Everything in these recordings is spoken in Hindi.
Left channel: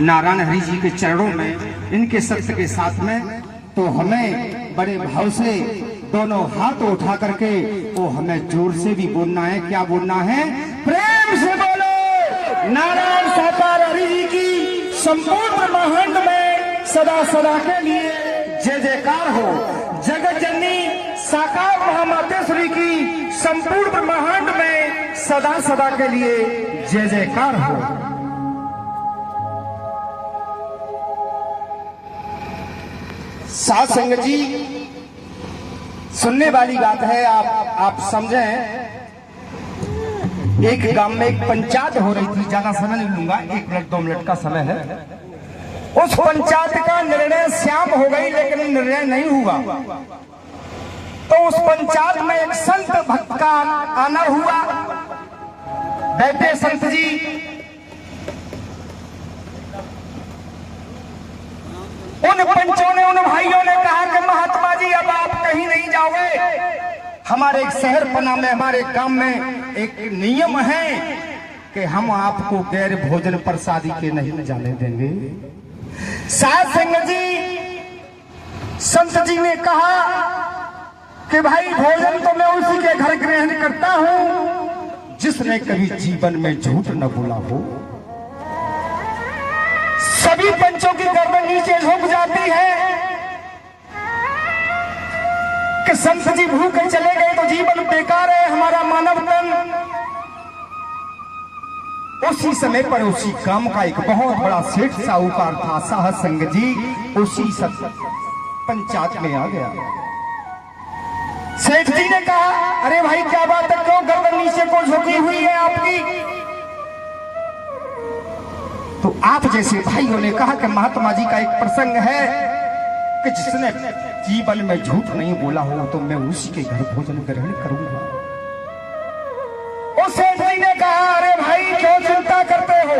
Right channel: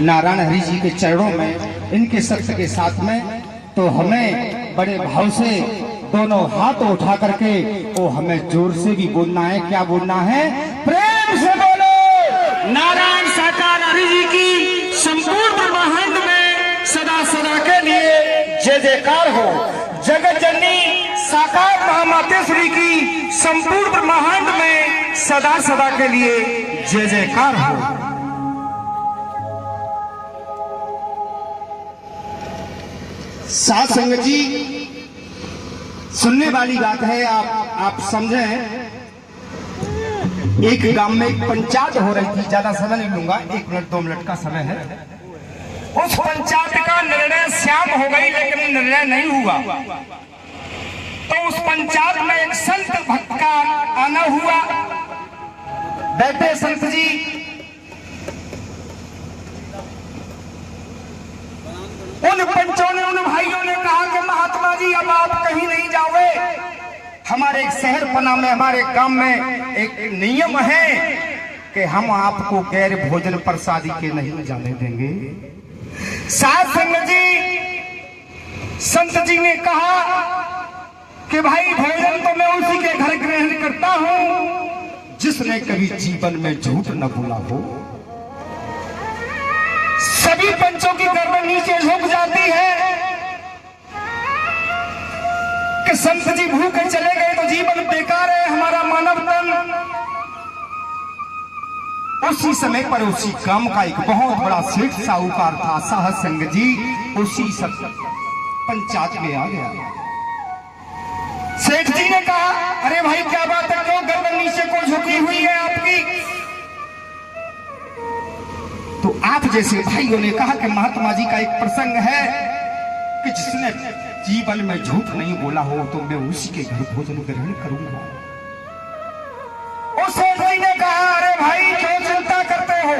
नारायण हरि जी के चरणों में, इनके सत्य के साथ में, तो हमें बड़े भाव से दोनों हाथ उठा करके वो हमें जोर से भी बोलना है। क्या बोलना है? प्रेम से बोलो नारायण सरकार हरि जी की संपूर्ण ब्रह्मांड में सदा सदा के लिए जय जयकार हो। जगत जननी साकार महामातेश्वरी की संपूर्ण ब्रह्मांड में सदा सदा के लिए जय जयकार हो। साथ संगत जी, सुनने वाली बात है, आप समझें। एक गांव में एक पंचायत हो रही थी, ज्यादा समय नहीं लूंगा, 1 मिनट 2 मिनट का समय है। उस पंचायत का निर्णय शाम हो गई, लेकिन निर्णय नहीं हुआ। तो उस पंचायत में एक संत भक्त का आना हुआ। बैठे संत जी, उन पंचों ने, उन भाइयों ने कहा कि महात्मा जी अब आप कहीं नहीं जाओगे, हमारे एक शहर पना में, हमारे गांव में एक नियम है कि हम आपको गैर भोजन प्रसादी के नहीं जाने देंगे। साथ संगत जी, संत जी ने कहा कि भाई भोजन तो मैं उसी के घर ग्रहण करता हूं जिसने कभी जीवन में झूठ न बोला हो। सभी पंचों की गर्दन नीचे झुक जाती है कि संत जी भूखे चले गए तो जीवन बेकार है, हमारा मानव तन। उसी समय पर उसी गांव का एक बहुत बड़ा सेठ साहूकार था, साहब संग जी, उसी सब पंचायत में आ गया। सेठ जी ने कहा, अरे भाई क्या बात है, क्यों गर्दन नीचे को झुकी हुई है आपकी? तो आप जैसे भाइयों ने कहा कि महात्मा जी का एक प्रसंग है कि जिसने जीवन में झूठ नहीं बोला हो तो मैं उसी के घर भोजन ग्रहण करूंगा। उस सेठ जी ने कहा, अरे भाई क्यों चिंता करते हो,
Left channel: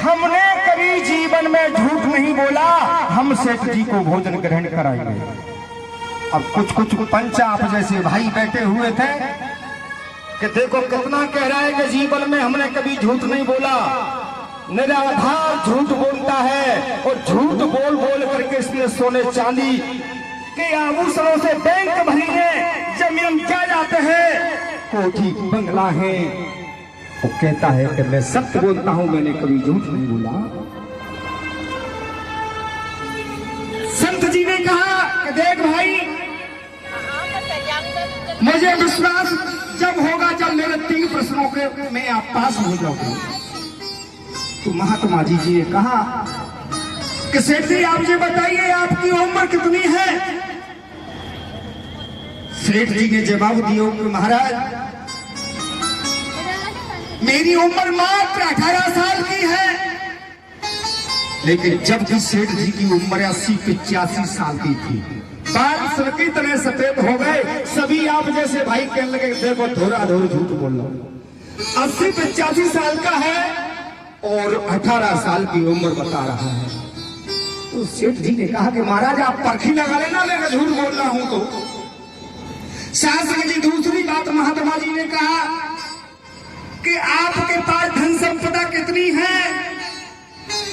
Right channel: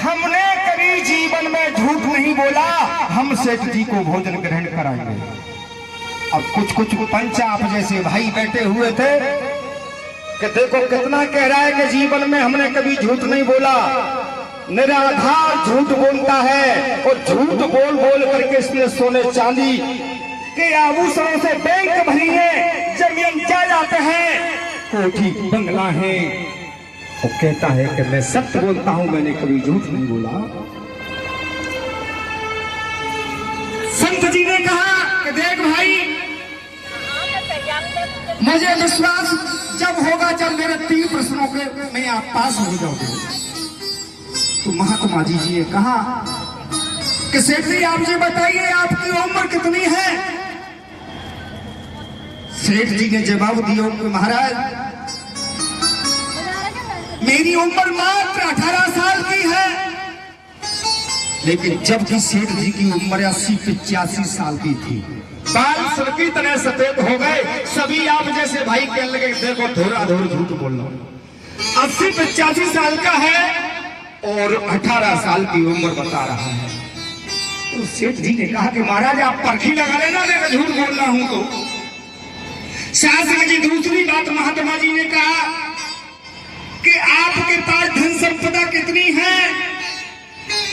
हमने कभी जीवन में झूठ नहीं बोला, हम सेठ जी को भोजन ग्रहण कराएंगे। अब कुछ पंच आप जैसे भाई बैठे हुए थे कि देखो कितना कह रहा है कि जीवन में हमने कभी झूठ नहीं बोला, निराधार झूठ बोलता है, और झूठ बोल बोल करके इसने सोने चांदी के आभूषणों से बैंक भरी है, जमीन जायदाद है, कोठी बंगला है। वो कहता है कि मैं सत्य बोलता हूं, मैंने कभी झूठ नहीं बोला। संत जी ने कहा कि देख भाई, मुझे विश्वास जब होगा जब मेरे 3 प्रश्नों के में आप पास हो जाओगे। तो महात्मा जी ने कहा कि सेठ जी आप ये बताइए आपकी उम्र कितनी है? सेठ जी ने जवाब दिया कि महाराज मेरी उम्र मात्र 18 साल की है। लेकिन जब भी सेठ जी की उम्र 80-85 साल की थी, बाल सड़की तरह सफेद हो गए, सभी आप जैसे भाई कहने लगे देखो थोड़ा थोड़ा झूठ बोल रहा हूं। 80-85 साल का है और 18 साल की उम्र बता रहा है। तो सेठ जी ने कहा कि महाराज आप परखी लगा लेना अगर झूठ बोल रहा हूं तो। शास्त्र जी दूसरी बात महात्मा जी ने कहा कि आपके पास धन संपदा कितनी है?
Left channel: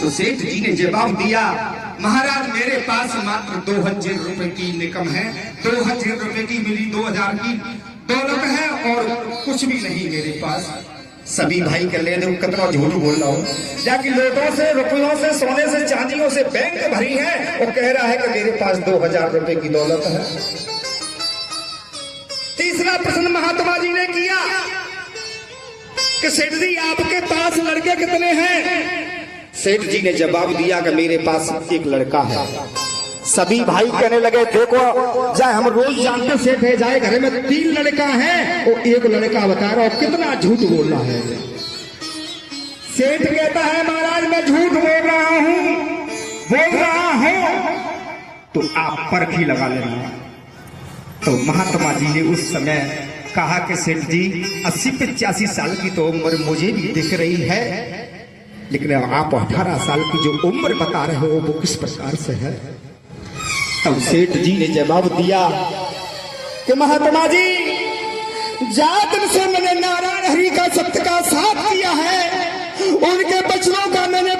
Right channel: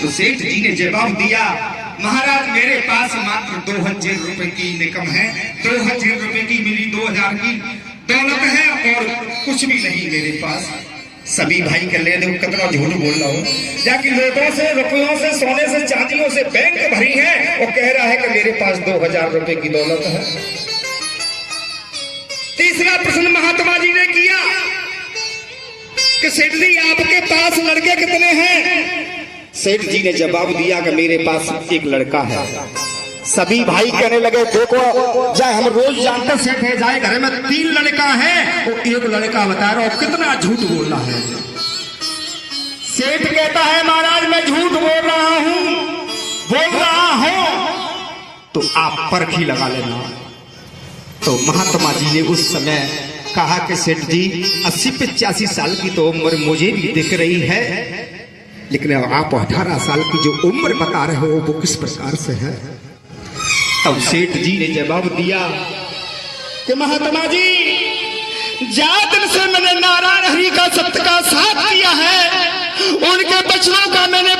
तो सेठ जी ने जवाब दिया, महाराज मेरे पास मात्र 2000 रुपए की इनकम है, 2000 रुपए की मेरी 2000 की दौलत है और कुछ भी नहीं मेरे पास। सभी भाई कर ले दो कितना झूठ बोल रहा हूँ, जाकि लोटों से, रुपयों से, सोने से, चांदियों से बैंक भरी है, और कह रहा है कि मेरे पास 2000 रुपए की दौलत है। तीसरा प्रश्न महात्मा जी ने किया कि सेठ जी आपके पास लड़के कितने हैं? सेठ जी ने जवाब दिया कि मेरे पास एक लड़का है। सभी भाई कहने लगे देखो जाए हम रोज जानते सेठ है, जाए घर में 3 लड़का है और 1 लड़का बता रहा हो, कितना झूठ बोलना है। सेठ कहता है महाराज मैं झूठ बोल रहा हूं तो आप परखी लगा लेना। तो महात्मा जी ने उस समय कहा कि सेठ जी 80-85 साल की तो उम्र मुझे भी दिख रही है, लेकिन आप 18 साल की जो उम्र बता रहे हो वो किस प्रकार से है? तब सेठ जी ने जवाब दिया कि महात्मा जी ज्यादा दिन से मैंने नारायण हरि का सत्य का साथ किया है, उनके बचनों का मैंने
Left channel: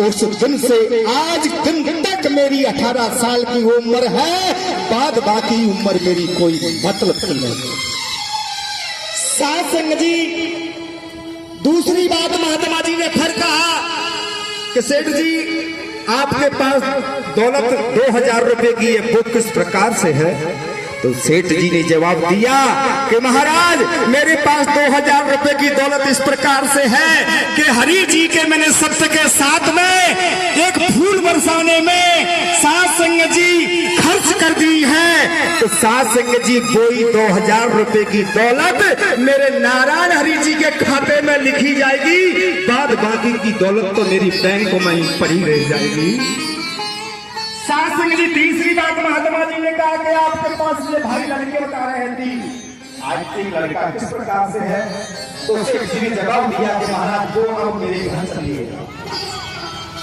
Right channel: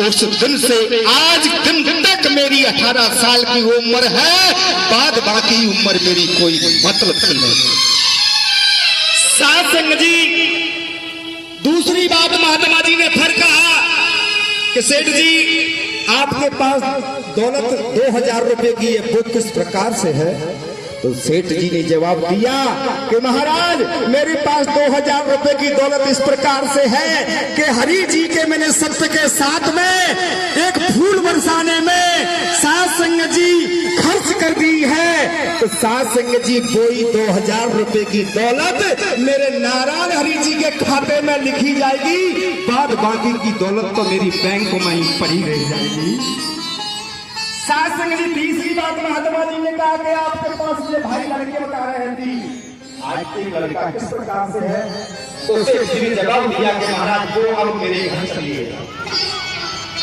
उस दिन से आज दिन तक मेरी 18 साल की उम्र है, बाद बाकी उम्र मेरी कोई मतलब नहीं। साथ संग जी, दूसरी बात महात्मा जी ने फिर कहा कि सेठ जी आपके पास दौलत 2000 रुपए की ये बुक किस प्रकार से है? तो सेठ जी ने जवाब दिया कि महाराज मेरे पास 2000 रुपए की दौलत इस प्रकार से है कि हरि जी के मैंने सत्य के साथ में एक फूल बरसाने में सात संग जी खर्च कर दी है। तो सात संग जी कोई 2000 रुपए की दौलत मेरे नारायण हरि जी के खाते में लिखी जाएगी, बाद बाकी की दौलत तो मेरी बैंक में ही पड़ी रह जाएगी। सात संग जी, तीसरी बात महात्मा जी ने कहा कि आपके पास ये भाई लड़के बता रहे हैं आज एक लड़का किस प्रकार से है? तो सेठ जी ने जवाब दिया कि महाराज वो अब मेरे घर चलिए,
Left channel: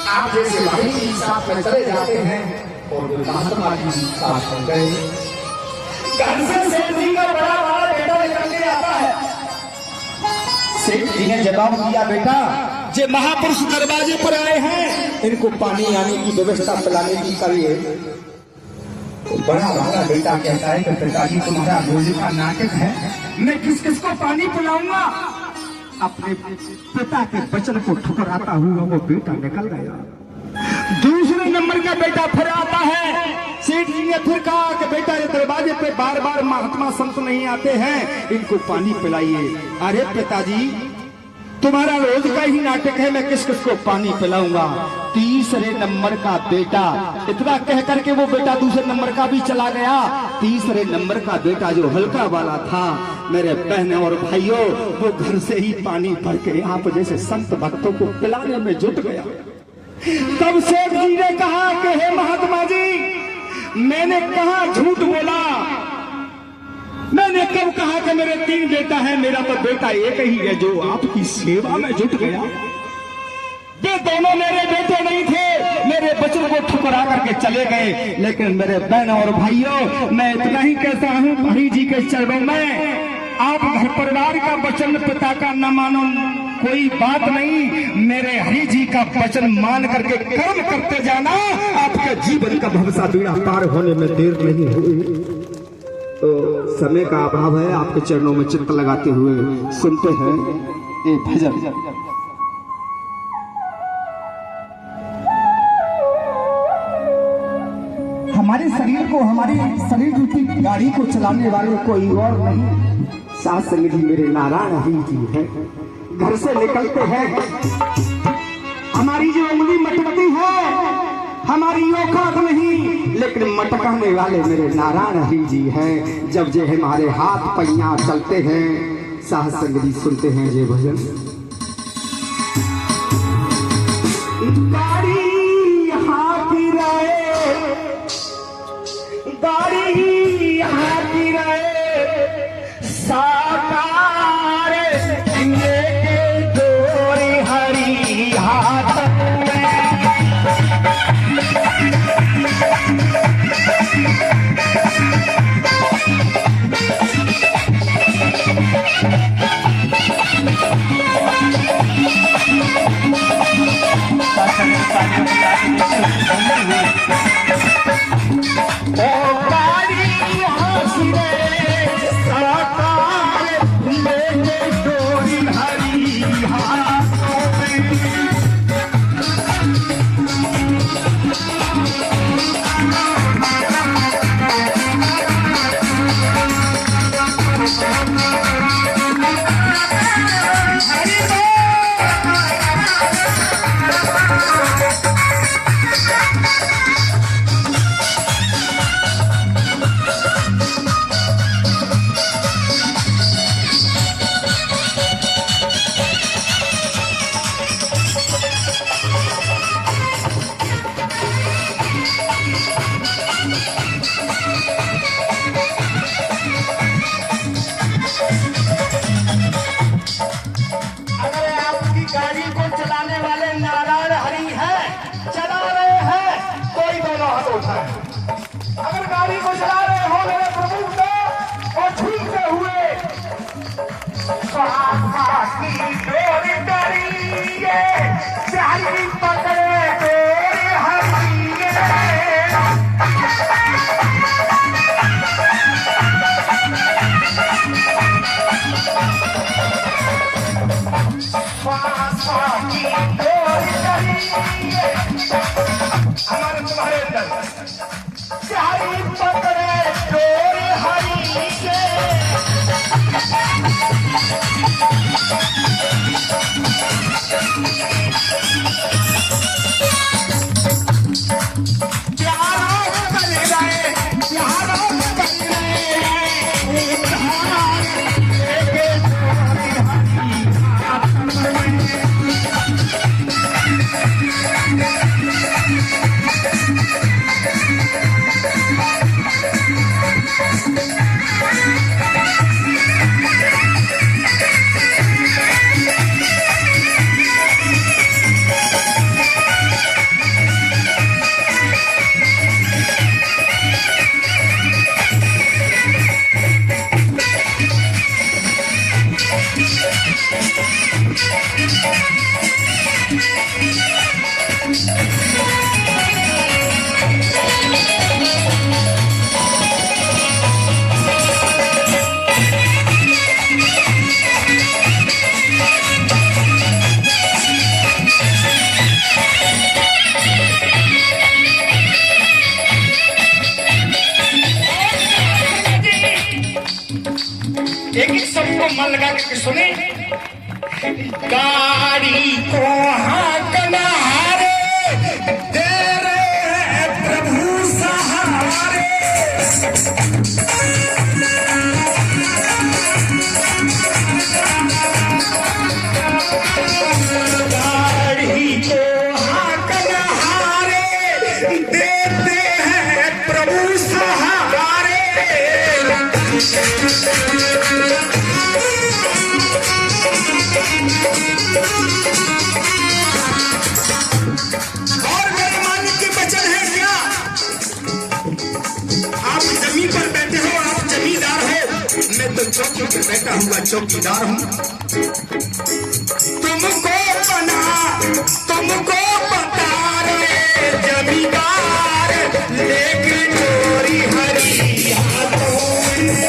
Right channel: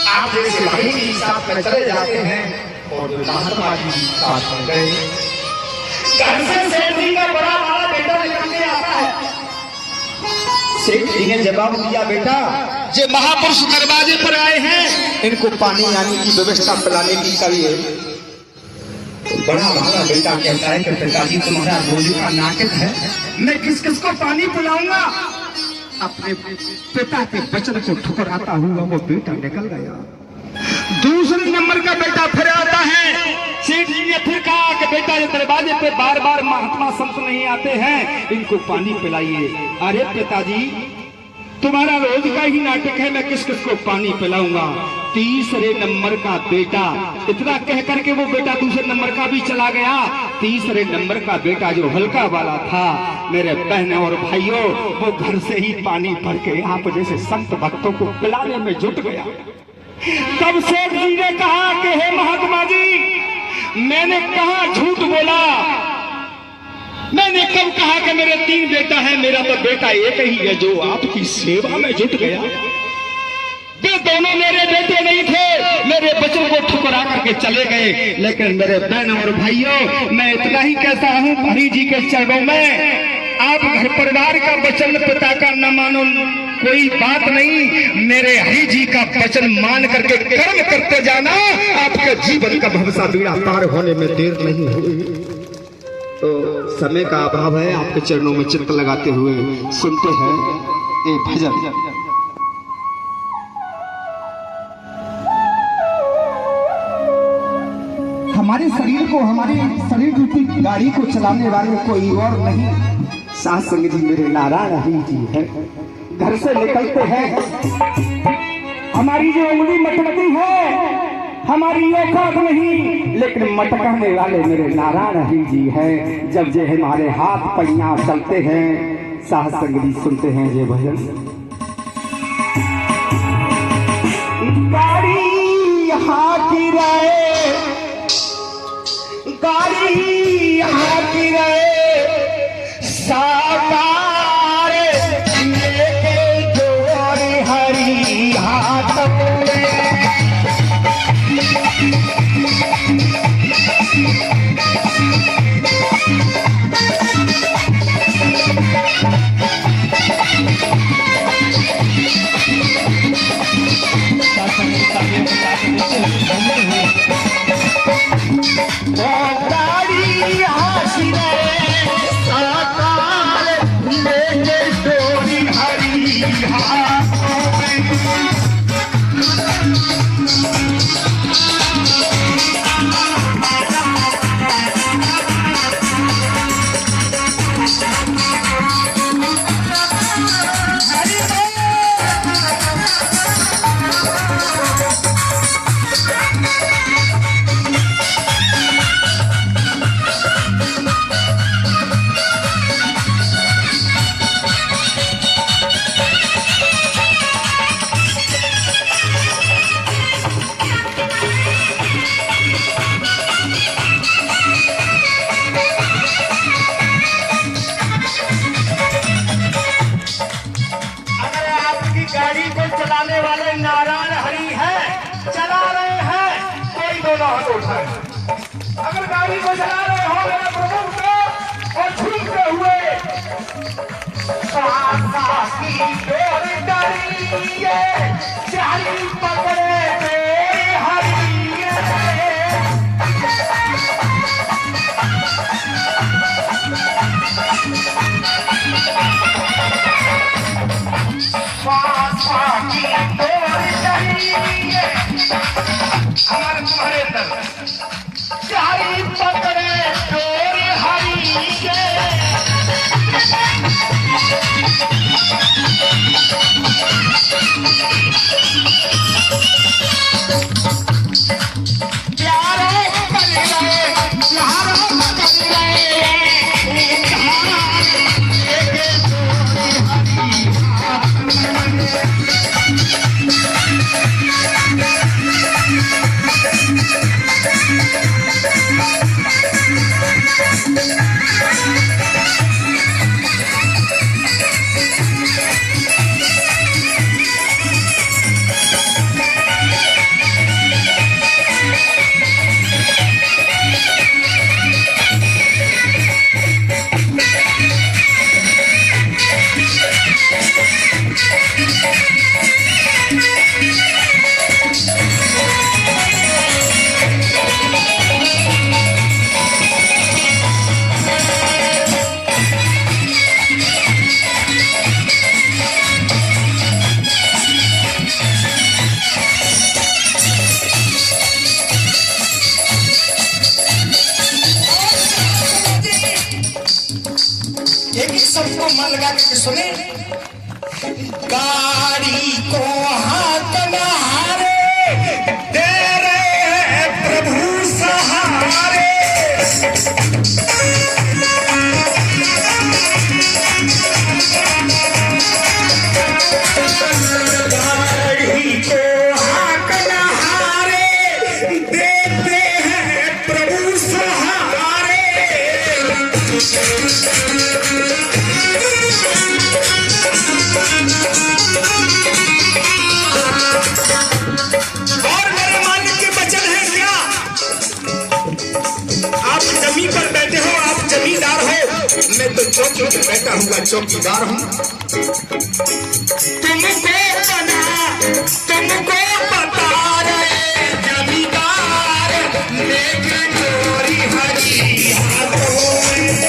आप जैसे भाई के हिसाब से चले जाते हैं और वो महात्मा जी के साथ चल गए। घर से सेठ जी का बड़ा वाला बेटा निकल के आता है। सेठ जी ने जवाब दिया बेटा जे महापुरुष दरवाजे पर आए हैं इनको पानी आने की व्यवस्था पिलाने की करिए। तो बड़ा वाला बेटा कहता है कि पिताजी तुम्हारा रोज का नाटक है, मैं किस किस को पानी पिलाऊंगा? अपने पिता के वचन को ठुकराता हुआ वो बेटा निकल गया। दूसरे नंबर का बेटा फिर आता है। सेठ जी ने फिर कहा कि बेटा ये दरवाजे पे बार बार महात्मा संत नहीं आते हैं, इनको पानी पिलाइए। अरे पिताजी तुम्हारा रोज का ही नाटक है, मैं किस किस को पानी पिलाऊंगा? तीसरे नंबर का बेटा, इतना कह करके वो बेटा दूसरे नंबर का भी चला गया। तीसरे नंबर का बेटा जो हल्का वाला था, मेरे बहन और भाइयों, वो घर से ही पानी भर के आप जैसे संत भक्तों को पिलाने में जुट गया। तब सेठ जी ने कहा कि हे महात्मा जी, मैंने कहा झूठ बोला? मैंने कब कहा कि मेरे 3 बेटा है? मेरा तो बेटा एक ही है जो आपकी सेवा में जुट गया। वे दोनों मेरे बेटे नहीं थे, मेरे बच्चों को ठुकरा करके चले गए। लेकिन मेरे बहन और भाइयों, मैं इतना ही कहता हूँ हरि जी के चरणों में, आप घर परिवार का वचन पिता का न मानो कोई बात नहीं, मेरे हरि जी का वचन मान करके कर्म करते जाना, आपके जीवन का भवसा बीड़ा पार होने में देर नहीं होगी। तो समय का अभाव है, आपके चरणों में चित्त लगाते हुए सुनते हैं ये भजन। हमारे शरीर को, हमारी शरीर रूपी गाड़ी को चलाने वाले कोई और नहीं, सात संग जी मेरे नारायण हरि जी है। घर से निकलते हैं, हमारी जो उंगली मटमटी है, हमारी औकात नहीं, लेकिन मटकाने वाले मेरे नारायण हरि जी हैं। जब जे हमारे हाथ पैया चलते हैं, सात संग जी सुनते हैं ये भजन। गाड़ी यहाँ की रहे, गाड़ी यहाँ की रहे, साकार लेके जोड़ी हरि हाथ में। गाड़ी को चलाने वाले नारायण हरि है, चला रहे हैं, कोई दोनों हाथ उठाए। अगर गाड़ी को चला रहे हो मेरे प्रभु को और झूमते हुए, चाली पकड़े हमारे तुम्हारे अंदर चाई पकड़े डोर हरी के एक सबको मन लगा के सुने गाड़ी को हाकना हारे दे रहे प्रभु सहारे गाड़ी को हाकना हारे देते हैं प्रभु सहारे और मेरे मालिक के वचन है क्या? आप जमीन पर बैठे हो, आप जमींदार हो, मैं तो चौकी पर बैठा हूँ, चौकीदार हूँ। तुमको बता रहे जमींदार लेकिन चोरी हरी हाथों में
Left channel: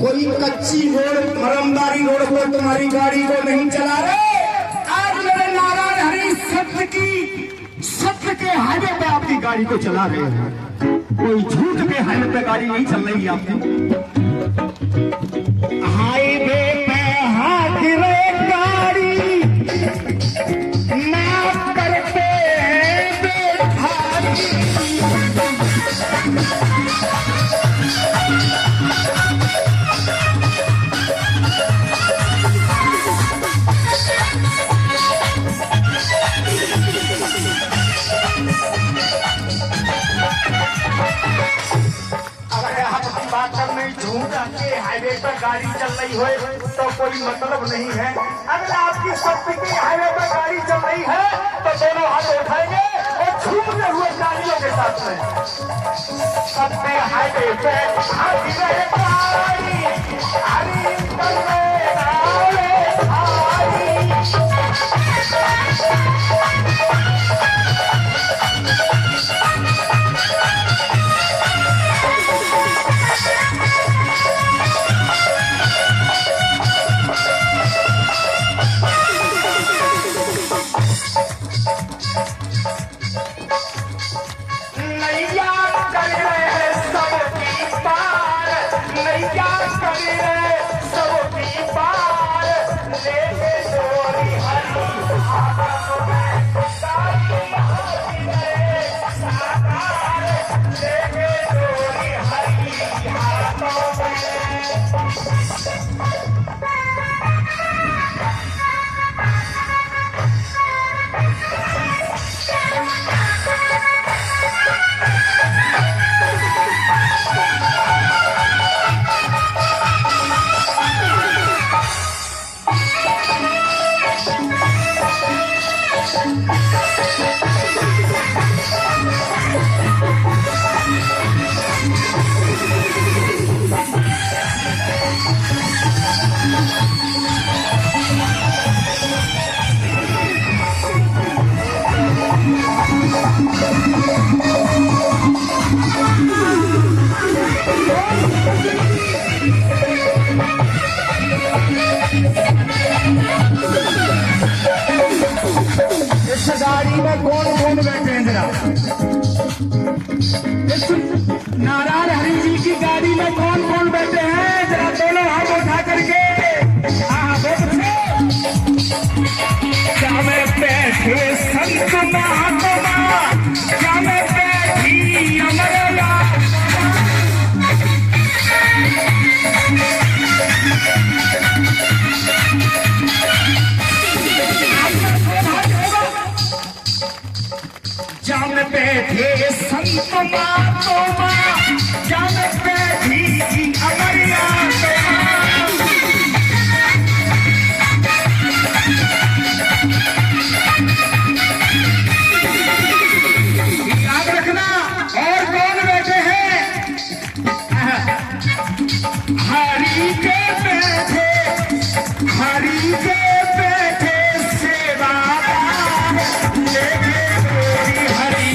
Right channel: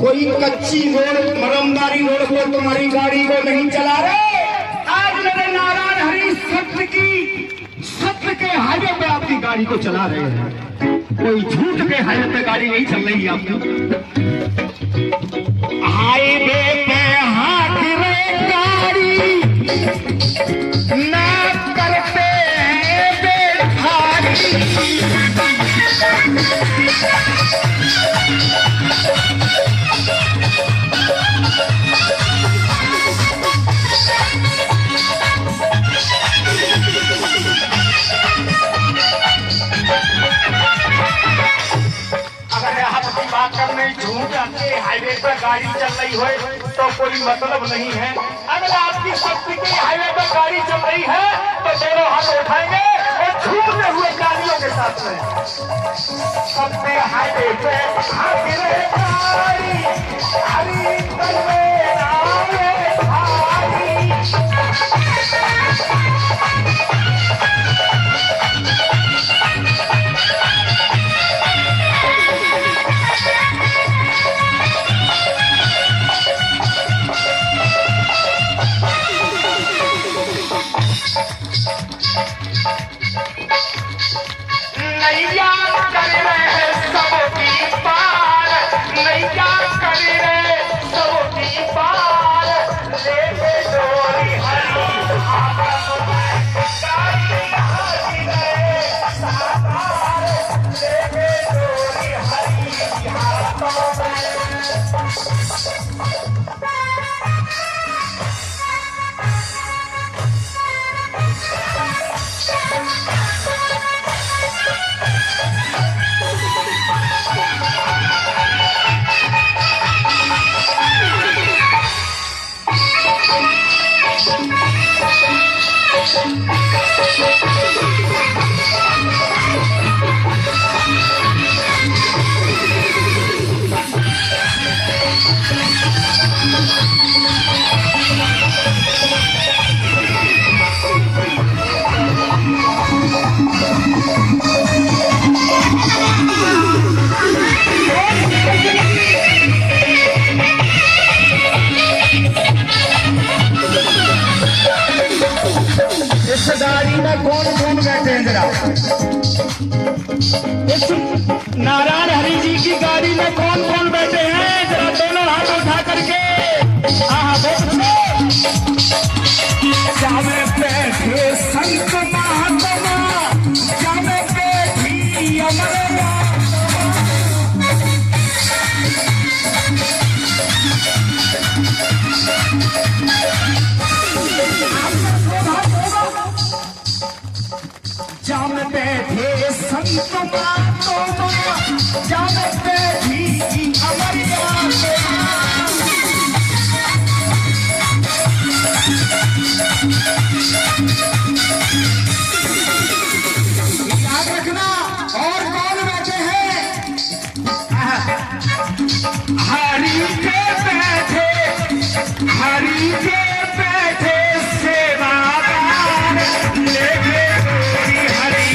कोई कच्ची रोड मरमदारी रोड को तुम्हारी गाड़ी को नहीं चला रहे। आज मेरे नारायण हरि सत्य के हाईवे पे आपकी गाड़ी को चला रहे हैं। कोई झूठ के हाईवे पे गाड़ी नहीं चल रही आपकी। हाईवे पे हाथ रहे गाड़ी ना करते बेखारी। हाईवे पर गाड़ी चल रही हो तो कोई मतलब नहीं है। अगर आपकी शक्ति की हाईवे पर गाड़ी चल रही है तो दोनों हाथ उठाएंगे और छूटते हुए गाड़ियों के साथ में अपने हाईवे पे नैया कर रहे सबकी पार, नैया कर रहे सबकी पार, लेके डोरी हरी हाथों में, गाड़ी हरी रे, लेके डोरी हरी बाजू में कौन कौन बैठे हैं, जरा दोनों हाथ उठा करके। हाँ बहुत जामे बैठे संत महात्मा, जामे बैठी अमरनाथ। जामे बैठे संत महात्मा, जामे बैठी अमरनाथ। याद रखना और कौन बैठे हैं, हरि के बैठे, हरि के बैठे सेवादार, लेके गोरी हरि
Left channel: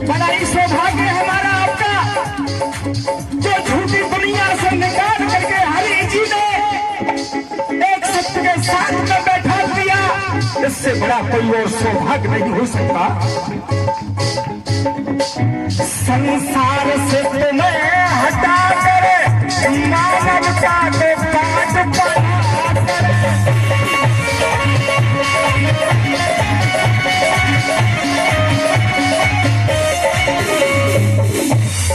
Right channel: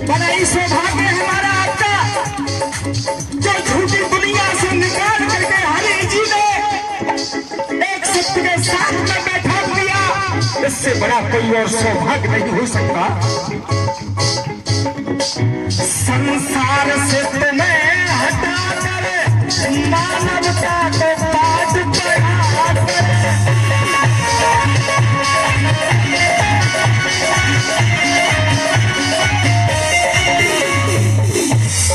बड़ा ही सौभाग्य हमारा आपका, जो झूठी दुनिया से निकाल करके हरि जी ने एक सिद्ध के साथ में बैठा दिया। इससे बड़ा कोई और सौभाग्य नहीं हो सकता। संसार से तुम्हें हटा कर मानवता को पाठ पढ़ा कर,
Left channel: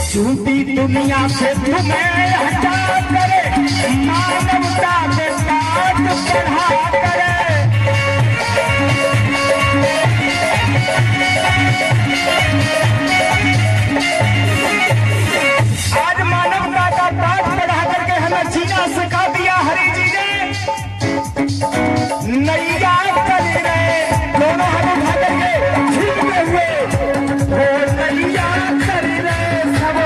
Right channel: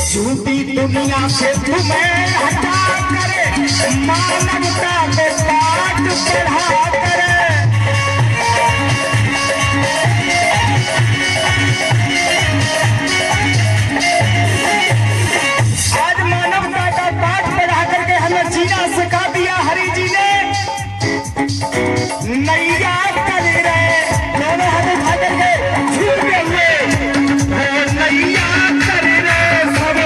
झूठी दुनिया से तुम्हें हटा करे, मानवता को पाठ पढ़ा करे। आज मानवता का पाठ पढ़ा करके हमें जीना सिखा दिया हरि जी ने। नैया कर रहे दोनों हाथ उठा करके झूठे हुए, वो नैया कर रहे सब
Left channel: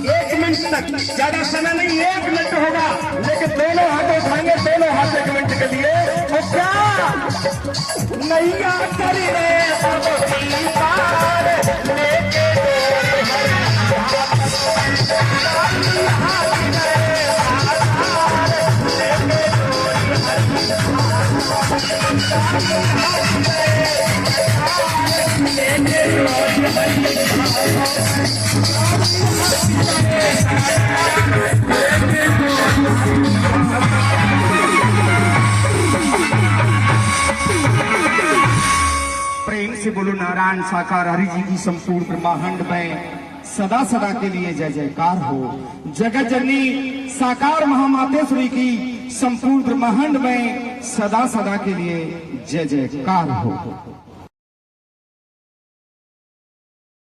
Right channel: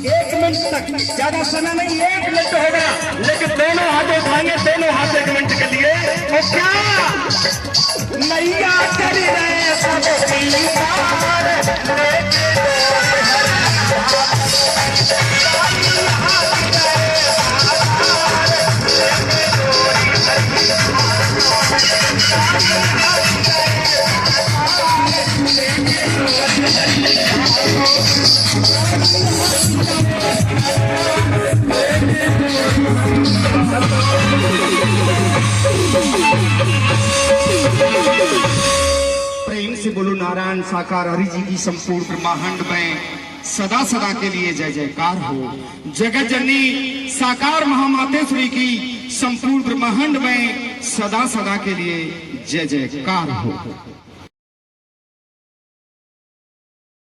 लेके कोई ज्यादा समय नहीं, 1 मिनट होगा, लेकिन दोनों हाथ उठाएंगे, दोनों हाथ 1 मिनट के लिए। तो क्या नैया कर रहे प्रेम से बोलो नारायण साकार हरि जी की संपूर्ण ब्रह्मांड में सदा सदा के लिए जय जयकार हो। जगत जननी साकार महामातेश्वरी की संपूर्ण ब्रह्मांड में सदा सदा के लिए जय जयकार हो।